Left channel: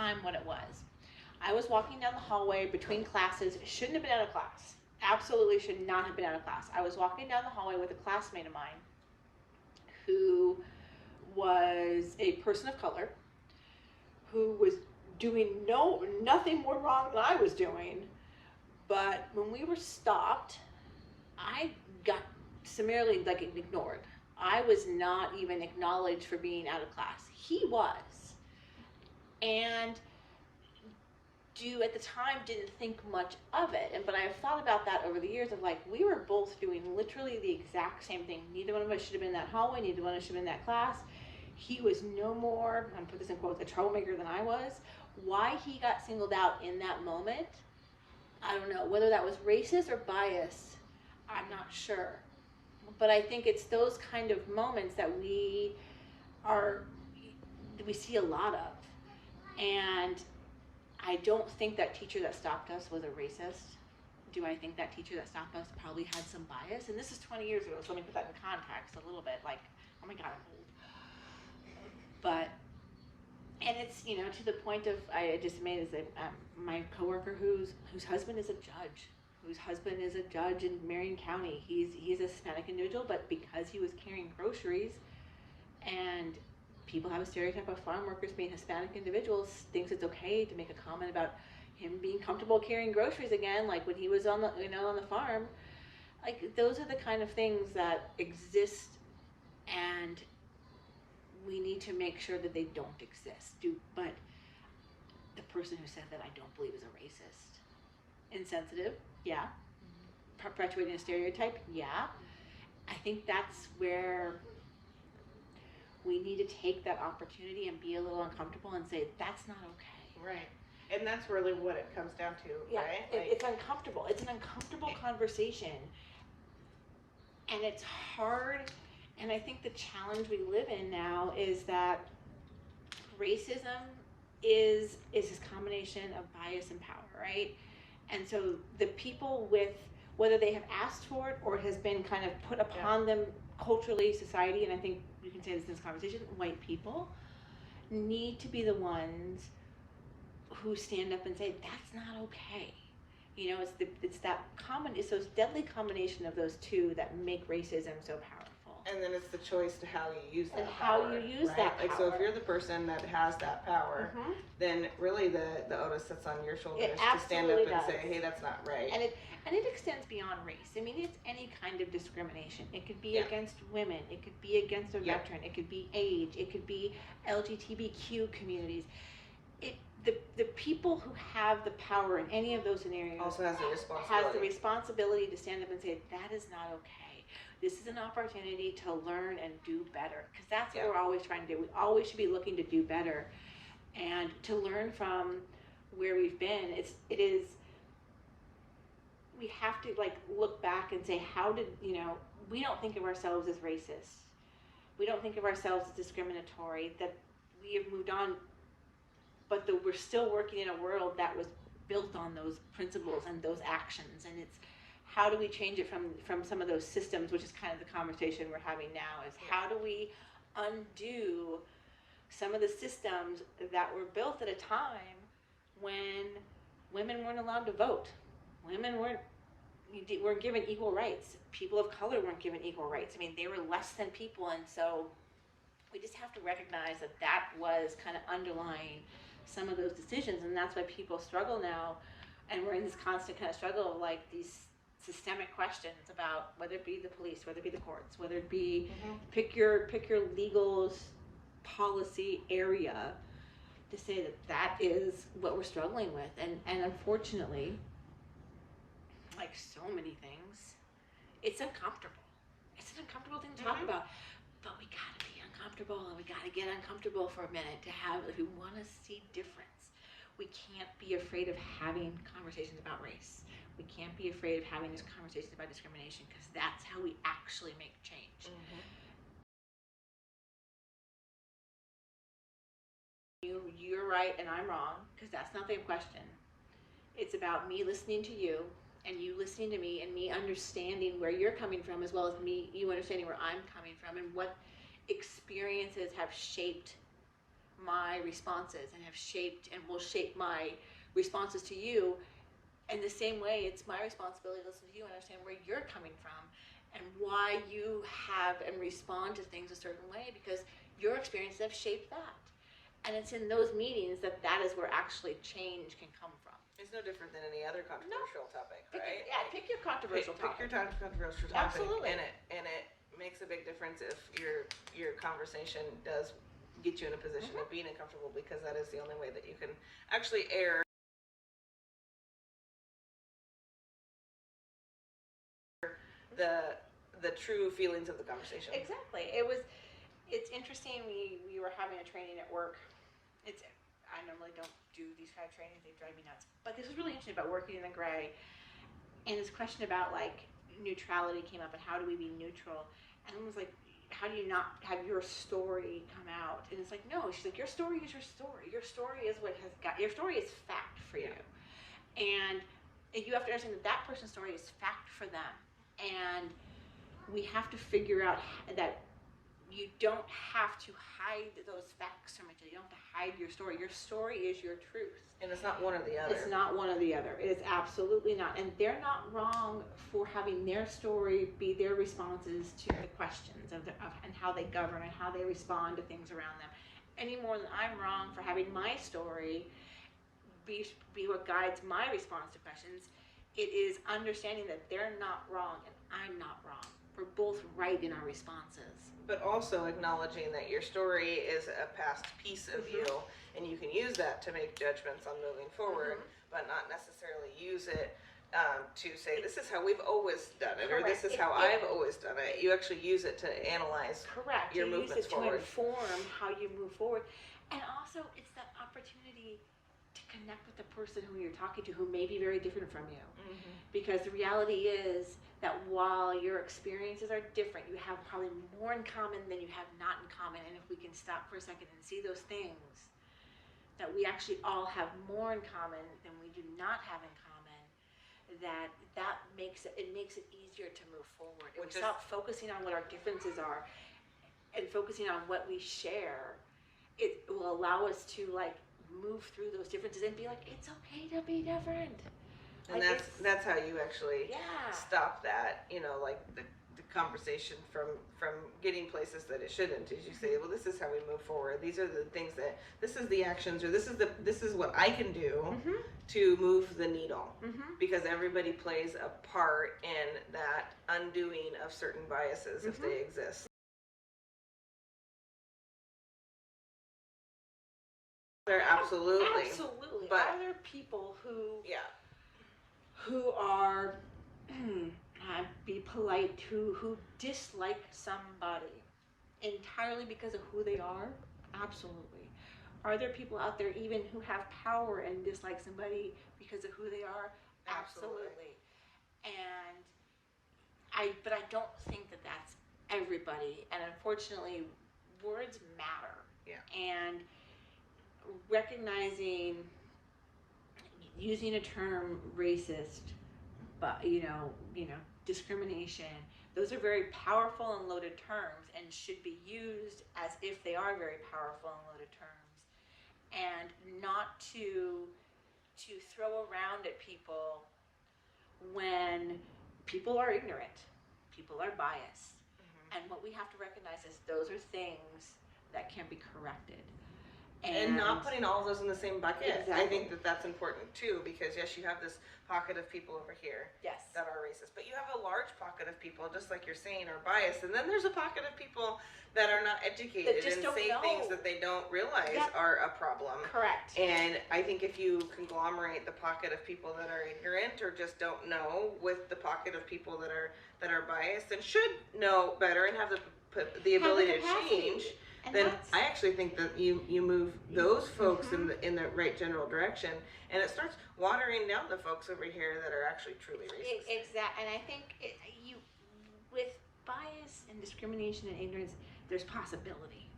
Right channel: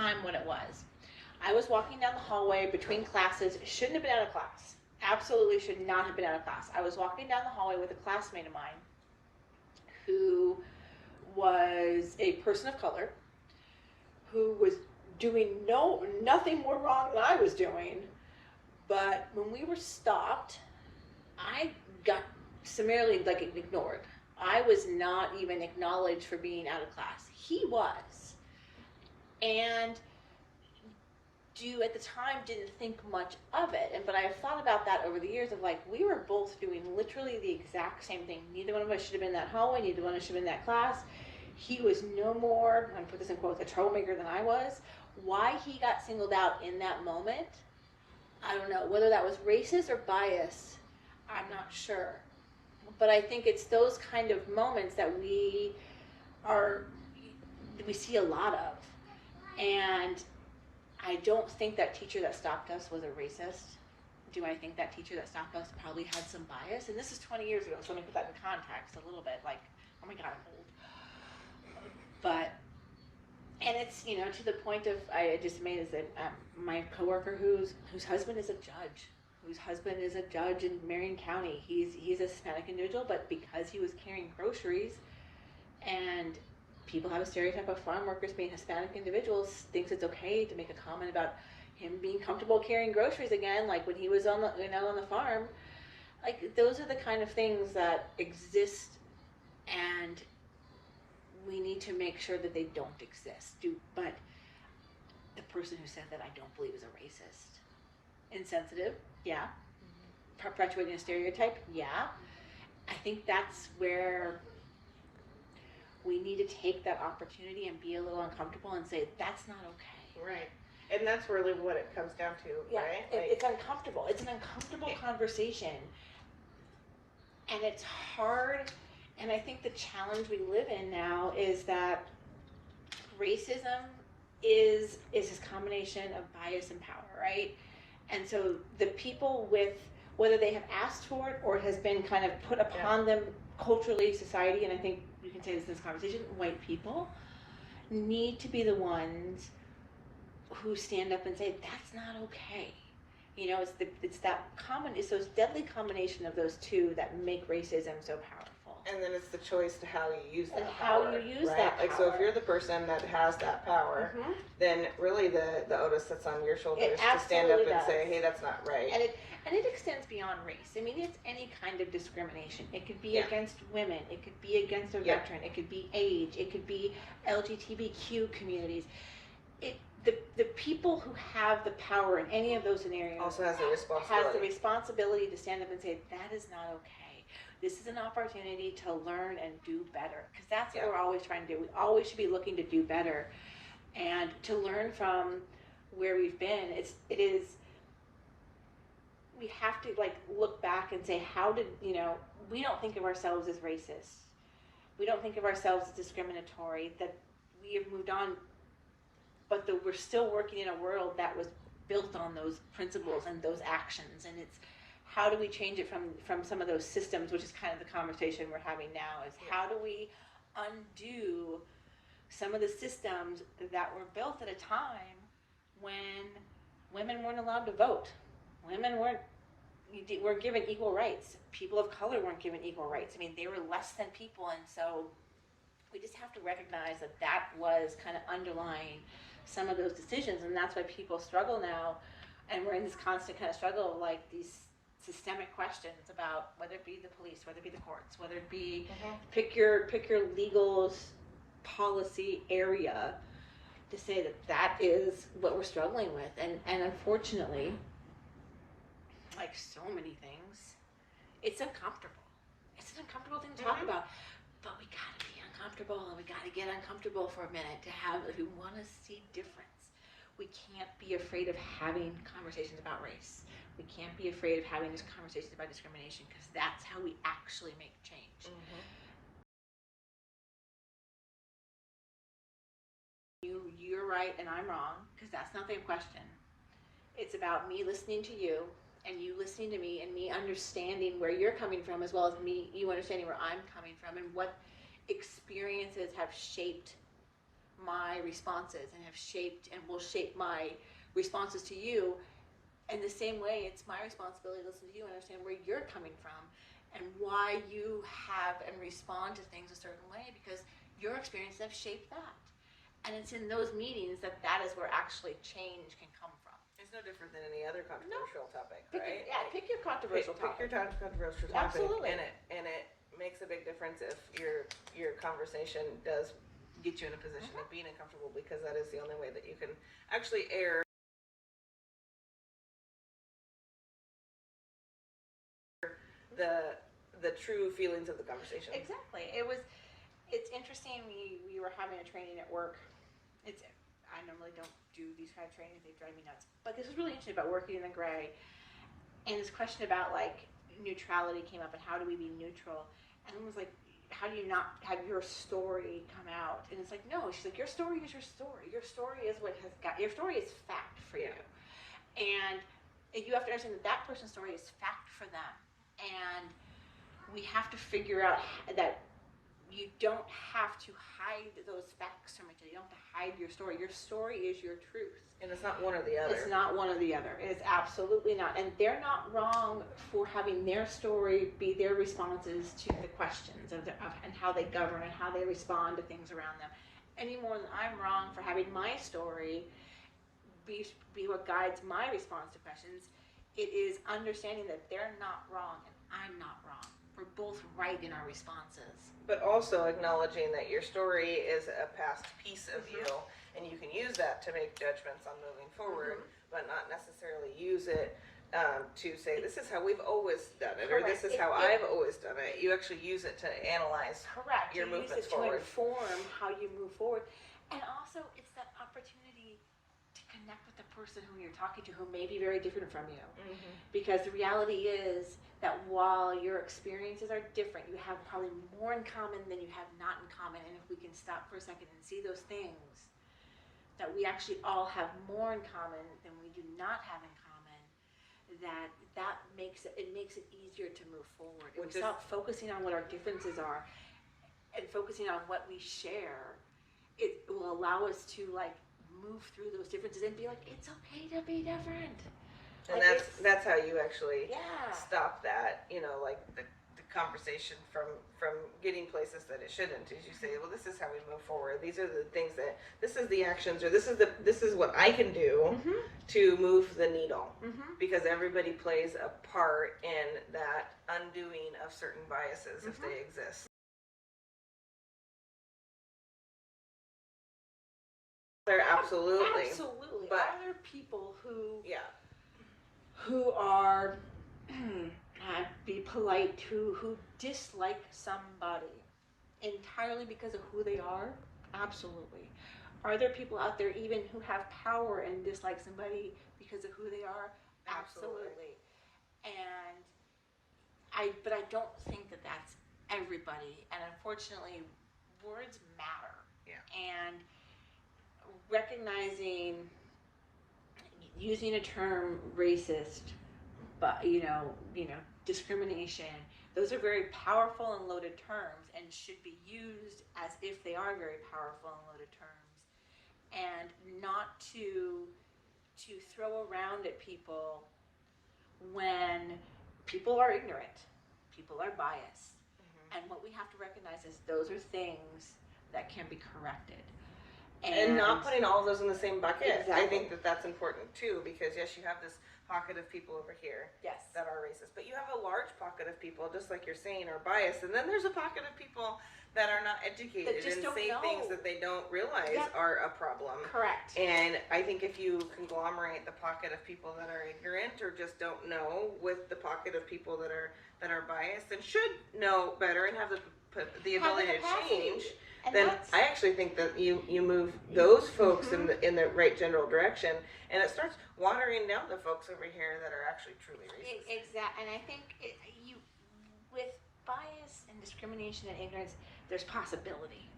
time what it was. I was walking down the hallway between classes, shouldn't have been out of class. Absolutely should not have been out of class. I was walking down the hallway with a classmate of mine who was a person of color, who was doing nothing more wrong than I was doing. But when we were stopped, I got summarily ignored. I was not even acknowledged for being out of class. He was. And at the time didn't think much of it. But I have thought about that over the years of we were both doing literally the exact same thing. Neither one of us should have been in that hallway, neither one of us should have been in that class. He was no more, I'm gonna put this in quotes, a troublemaker than I was. Why he got singled out in that moment, I don't know. Whether that was racist or bias, I'm not sure. But I think it's those kind of moments that we see a lot of. And I don't think that teacher that stopped us was a racist. Do I think that teacher that stopped us probably had some bias? And this is 20 years ago, so let me put that in context a little bit. Oh my God, I'm old. But, and it's, to the point of, I just made my coworker whose husband is a judge in Marion County. He's a Hispanic individual, but because he was carrying groceries, and people have a stereotype of farm workers being Hispanic individuals, thinks it's okay to make a comment about him being comfortable carrying groceries again, like when he was on the farm. Those are the kind of things that exist, and we need to make sure that they don't exist. But the person who said that I don't believe is a racist. Insensitive, yeah. Perpetuating a stereotype, yeah. I think that's where we need to take that opportunity and be a little uncomfortable and say, that's not okay. Right. And that's really what it comes down to, yeah, right? It's uncomfortable. It's an uncomfortable conversation. And it's hard. And I think the challenge we live in now is that racism is this combination of bias and power, right? And so the people whether they have asked for it or it has been kind of put upon them culturally, society, and I think you can say this in this conversation, white people need to be the ones who stand up and say, that's not okay. It's those deadly combination of those two that make racism so powerful. And then it's the choice to how you use that and power. how you use right? that power. So if you're the person that has that power, then really the onus sits on your shoulders to stand up and say, hey, that's not right. And it extends beyond race. I mean, it's any kind of discrimination. It could be against women. It could be against a veteran. It could be age. It could be LGBTQ communities. The people who have the power in any of those scenarios also has the responsibility to stand up and say, that is not okay. This is an opportunity to learn and do better, because that's what we're always trying to do. We always should be looking to do better and to learn from where we've been. We have to look back and say, we don't think of ourselves as racist. We don't think of ourselves as discriminatory, that we have moved on, but we're still working in a world that was built on those principles and those actions. And it's, how do we change it from some of those systems, which is kind of the conversation we're having now, is how do we undo some of the systems that were built at a time when women weren't allowed to vote. Women weren't given equal rights. People of color weren't given equal rights. I mean, they were less than people, and so we just have to recognize that was kind of underlying some of those decisions, and that's why people struggle now, and we're in this constant kind of struggle of these systemic questions about whether it be the police, whether it be the courts, whether it be pick your legal policy area, to say that is what we're struggling with. And unfortunately, like so many things, it's uncomfortable. It's an uncomfortable thing to talk about, but we gotta be uncomfortable, and we gotta get uncomfortable for a minute if we want to see difference. We can't be afraid of having conversations about race. We can't be afraid of having these conversations about discrimination, because that's how we actually make change. You're right and I'm wrong, because that's not the question. It's about me listening to you and you listening to me, and me understanding where you're coming from, as well as you understanding where I'm coming from, and what experiences have shaped my responses and have shaped and will shape my responses to you. In the same way, it's my responsibility to listen to you and understand where you're coming from and why you have and respond to things a certain way, because your experiences have shaped that. And it's in those meetings that is where actually change can come from. It's no different than any other controversial topic, right? Pick your controversial topic. Pick your controversial topic. Absolutely. And it makes a big difference if your conversation does get you in a position of being uncomfortable, because that is the only way that you can actually air the true feelings of the conversation. Exactly. It's interesting. We were having a training at work. I normally don't do these kind of trainings, they drive me nuts. But this was really interesting about working in the gray. And this question about like neutrality came up, and how do we be neutral? And I was like, how do you not have your story come out? And it's like, no, she's like, your story is your story. Your story is what has got, your story is fact for you. And you have to understand that person's story is fact for them. And we have to figure out that you don't have to hide those facts from each other. You don't have to hide your story. Your story is your truth. And it's not one or the other. It's not one or the other. It is absolutely not. And they're not wrong for having their story be their responses to the questions of and how they govern and how they respond to things around them. Any more than I'm wrong for having my story be what guides my response to questions. It is understanding that they're not wrong and I'm not wrong. We're both right in our responses. But also acknowledging that your story is a past piece of you, and you can use that to make judgments on moving forward, but not necessarily use it to say, this is how we've always done it, or this is how I've always done it. You actually use it to analyze your movements forward. To inform how you move forward. And also, it's that opportunity to connect with the person who you're talking to, who may be very different from you. Because the reality is that while your experiences are different, you have probably more in common than you have not in common. And if we can stop for a second and see those things, that we actually all have more in common than we do not have in common, that makes it easier to move forward. If we stop focusing on what our differences are and focusing on what we share, it will allow us to like move through those differences and be like, it's okay to be different. And like that's how you actually stop that, like the conversation from getting places that it shouldn't. Is you say, well, this is how we move forward. These are the things this is the actions, or this is what I can do to move the needle. Because everybody plays a part in that undoing of certain biases if they exist. There absolutely. But are there people who are be polite, who dislike somebody entirely because of who they are? Absolutely. Are there people out there even who have power and dislike somebody because of who they are? Absolutely. But I don't think that that's everybody. And unfortunately, words matter. Yeah. And recognizing, using a term racist, but discrimination, those are very powerful and loaded terms and should be used as if they are very powerful and loaded terms, and not to throw around at people when people are ignorant, people are biased. And what we have to recognize is those are things that can be corrected. And not putting all of those in the same bucket. Exactly. I think that's important too, because yes, you have this pocket of people over here that are racist, but you have a large pocket of people, just like you're saying, are biased, and then there's a pocket of people that are not educated and say things that they don't realize are a problem. Correct. And I think if you conglomerate the pocket of people that are ignorant or just don't know with the pocket of people that are biased and should know better and have the ability to change, and then I actually think that you move those folks in the right general direction, and it starts watering down the folks over here that are actually truly racist. Exactly. And I think with bias and discrimination and ignorance, there's possibility,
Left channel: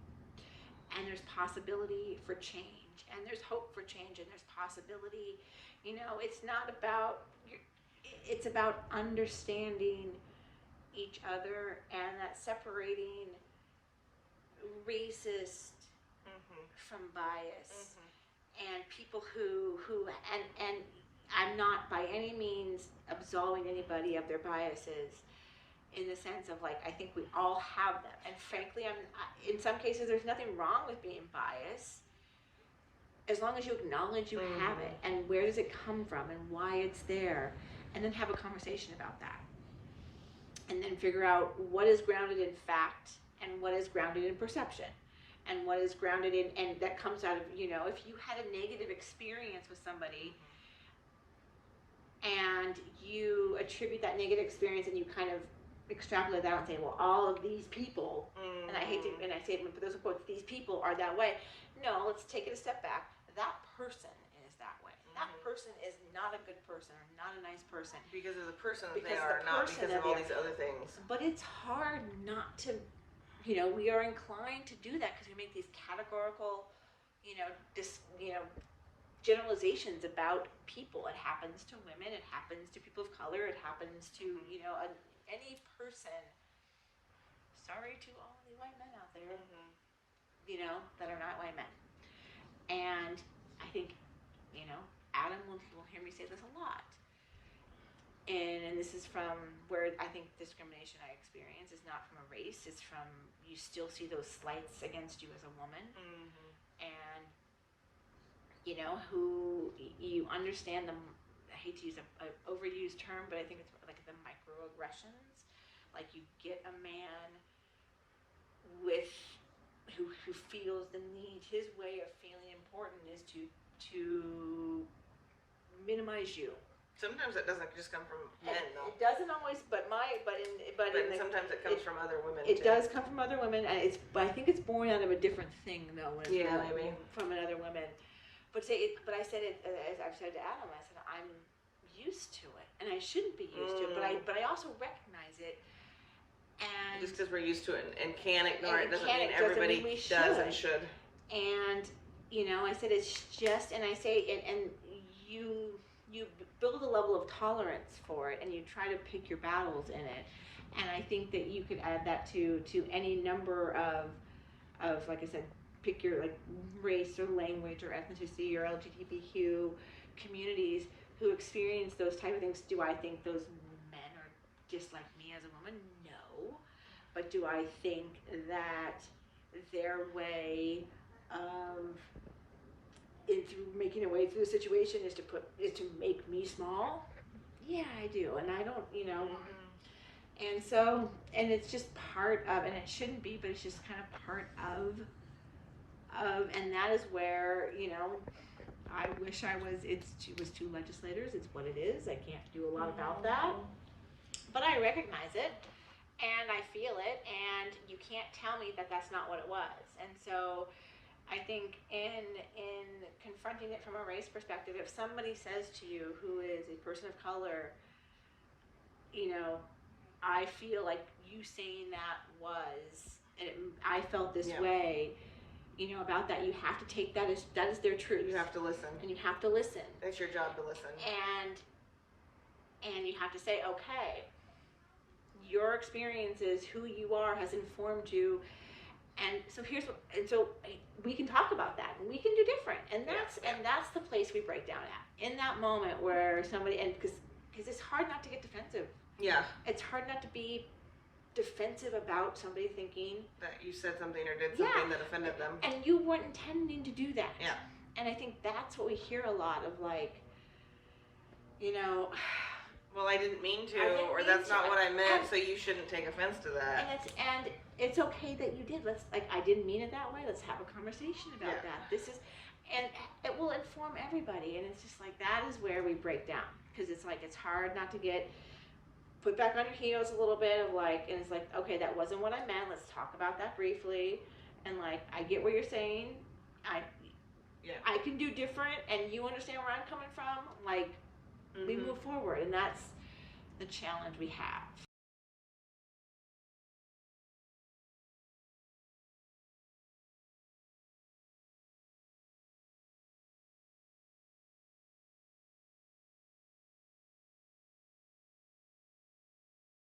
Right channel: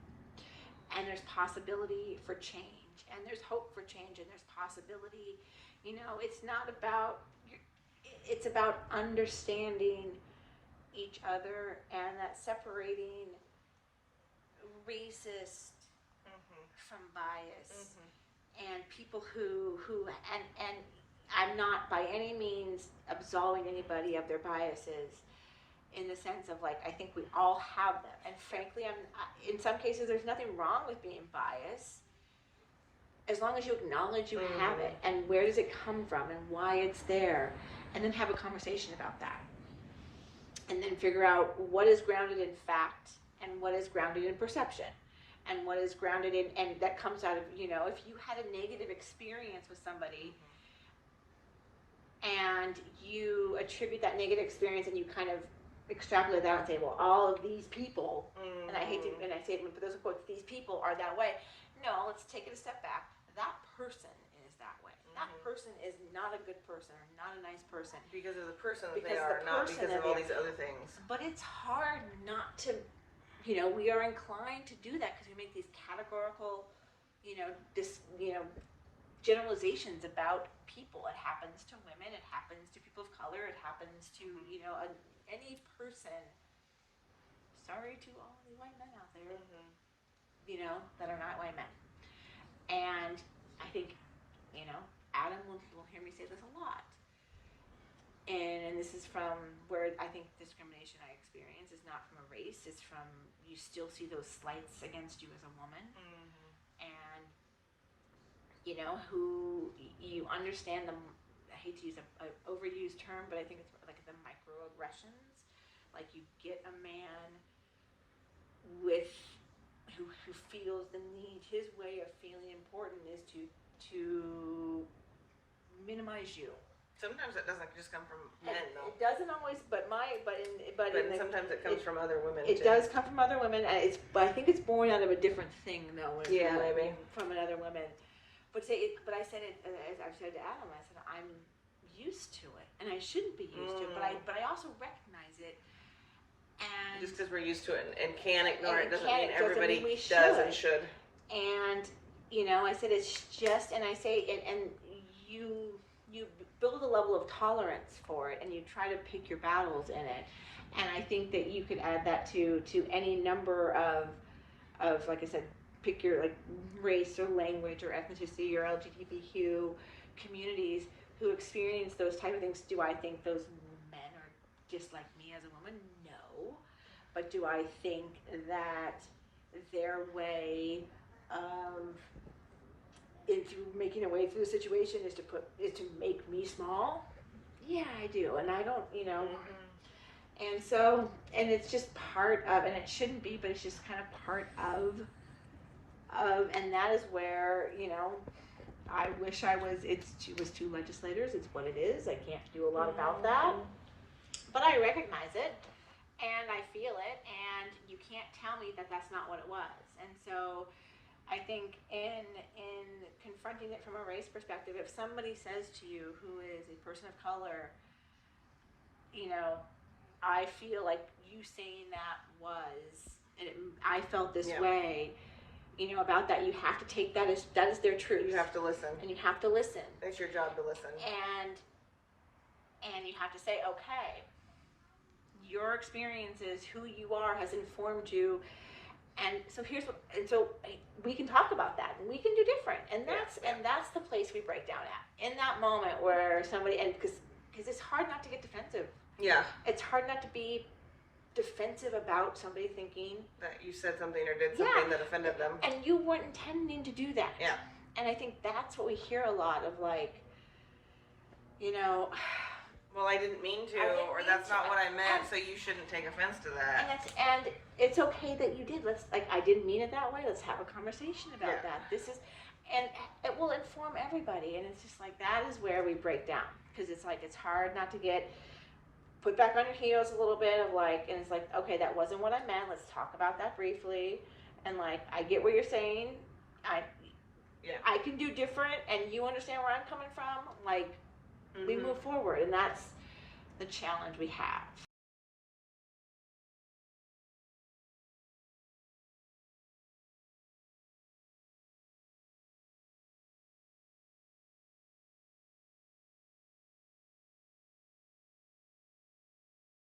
and there's possibility for change, and there's hope for change, and there's possibility. It's not about. It's about understanding each other, and that separating racist from bias and people who and I'm not by any means absolving anybody of their biases in the sense of like I think we all have them, and frankly in some cases there's nothing wrong with being biased as long as you acknowledge you have it and where does it come from and why it's there, and then have a conversation about that, and then figure out what is grounded in fact and what is grounded in perception and what is grounded in, and that comes out of, you know, if you had a negative experience with somebody and you attribute that negative experience and you kind of extrapolate that and say, well, all of these people, and I hate to, and I say it for those quotes, these people are that way. No, let's take it a step back. That person is that way. That person is not a good person or not a nice person. Because of the person that they are, not because of all these other things. But it's hard not to, you know, we are inclined to do that because we make these categorical, generalizations about people. It happens to women, it happens to people of color, it happens to, any person. Sorry to all the white men out there, that are not white men. And I think, Adam will hear me say this a lot. And this is from where I think discrimination I experience is not from a race, it's from, you still see those slights against you as a woman. And, who you understand them. I hate to use a overused term, but I think it's like the microaggressions. Like you get a man who feels the need, his way of feeling important is to minimize you. Sometimes it doesn't just come from men, though. It doesn't always, but sometimes it comes from other women. It does come from other women, and I think it's born out of a different thing, though. Yeah, maybe from another woman. But I said it. As I've said to Adam, I said I'm used to it, and I shouldn't be used to it. But I also recognize it. And just because we're used to it and can ignore it doesn't mean everybody does and should. And I said it's just, and I say, and you build a level of tolerance for it, and you try to pick your battles in it. And I think that you could add that to any number of like I said, pick your race or language or ethnicity or LGBTQ communities who experience those type of things. Do I think those men are just like me as a woman? No. But do I think that their way of through making a way through the situation is to make me small? Yeah, I do. And I don't, and so, and it's just part of, and it shouldn't be, but it's just kind of part of, and that is where, I wish it was two legislators. It's what it is. I can't do a lot about that, but I recognize it and I feel it, and you can't tell me that that's not what it was. And so I think in confronting it from a race perspective, if somebody says to you who is a person of color, I feel like you saying that and I felt this way, about that, you have to take that as their truth. You have to listen. And you have to listen. It's your job to listen. And you have to say, okay, your experiences, who you are, has informed you. And so so we can talk about that, and we can do different, and that's the place we break down at, in that moment where somebody, and because it's hard not to get defensive. Yeah, it's hard not to be defensive about somebody thinking that you said something or did something that offended them, and you weren't intending to do that. Yeah, and I think that's what we hear a lot of, well, I didn't mean to, or that's not what I meant, so you shouldn't take offense to that. And it's okay that you did. I didn't mean it that way. Let's have a conversation about that. And it will inform everybody. And it's just that is where we break down, because it's hard not to get put back on your heels a little bit of and it's okay, that wasn't what I meant. Let's talk about that briefly. And I get what you're saying. I can do different, and you understand where I'm coming from. We move forward, and that's the challenge we have.